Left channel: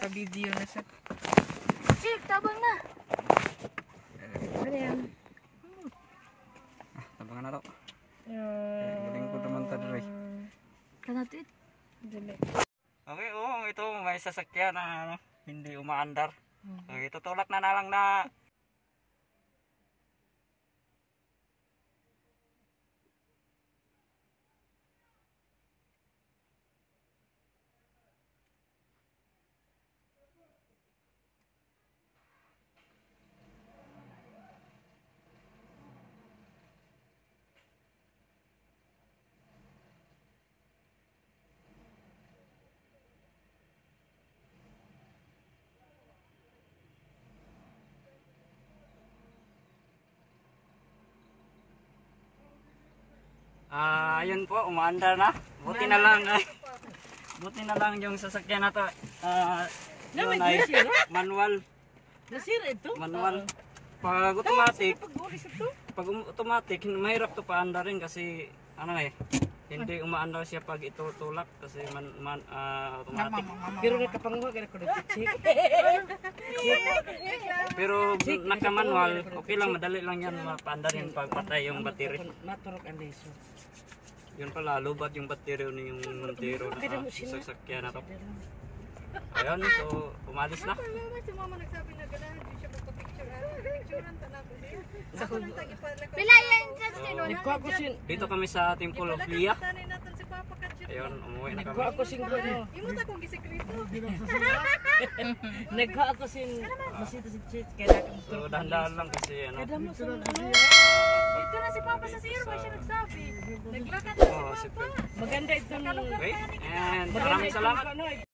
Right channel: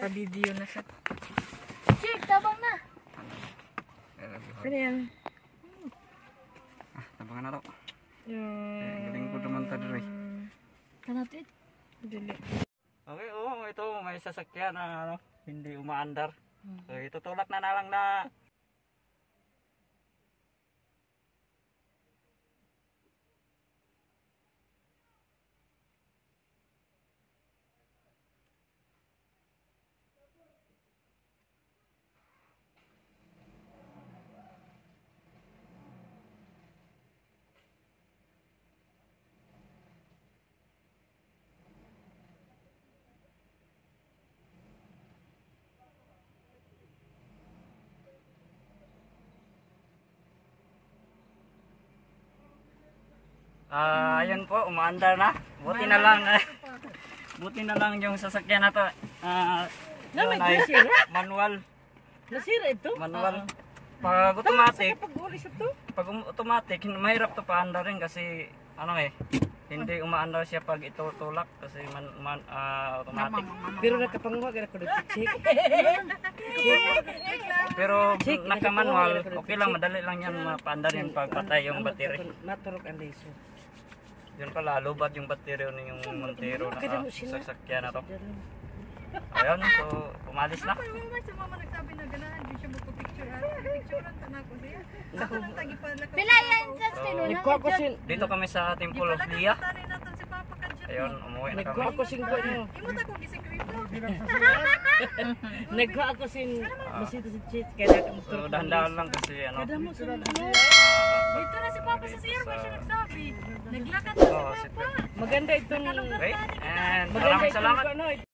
Sa video na sa... Chief, tabang na. Ano yan? Tabangan na to. Galing ko naman tadroy. Kanatit. Dali. Okay, ito may sasakyan na hindi umaandar. So, itutulak na lang na ayun po, umaandar na. Buti na lang buti na lang yung sasakyan na to. Yun ay manual. Nasira ito? Manual. Pag automatic, mahirap to paandarin kasi hindi umaandar siya pag itutulak kasi automatic. Pero nakapanguha ka na ko na chichik. Pero naka-manual, okay lang, madali lang yan mapaandarin pag patay yung battery. Maturok ang laser. Yun pala, lubat yung battery ng Montero na sasakyan na to. Ayun, so umalis na. Si mama nagsabi na ganahan di siya magpa-picturean. Picturean ta na ko niya. Saka nang tagi pa na ko. Pilayan ka sino na. Nagkuha ko sin... Dito kami sa Temple of Leah. Tani naton si Papa Kadjit. Ayun, umuwi na Nagkuha kami. ko sin ko no. Imo ta ko gisekreto. Nagkuha ko sin... Masito si Chit. Kaya So dahan-dahan lang kasi Kada mo sa Dito na si Papa sa CR ba siya nagsabi. Naglakad oh, si Maganda itong... Okay, and maraming salamat.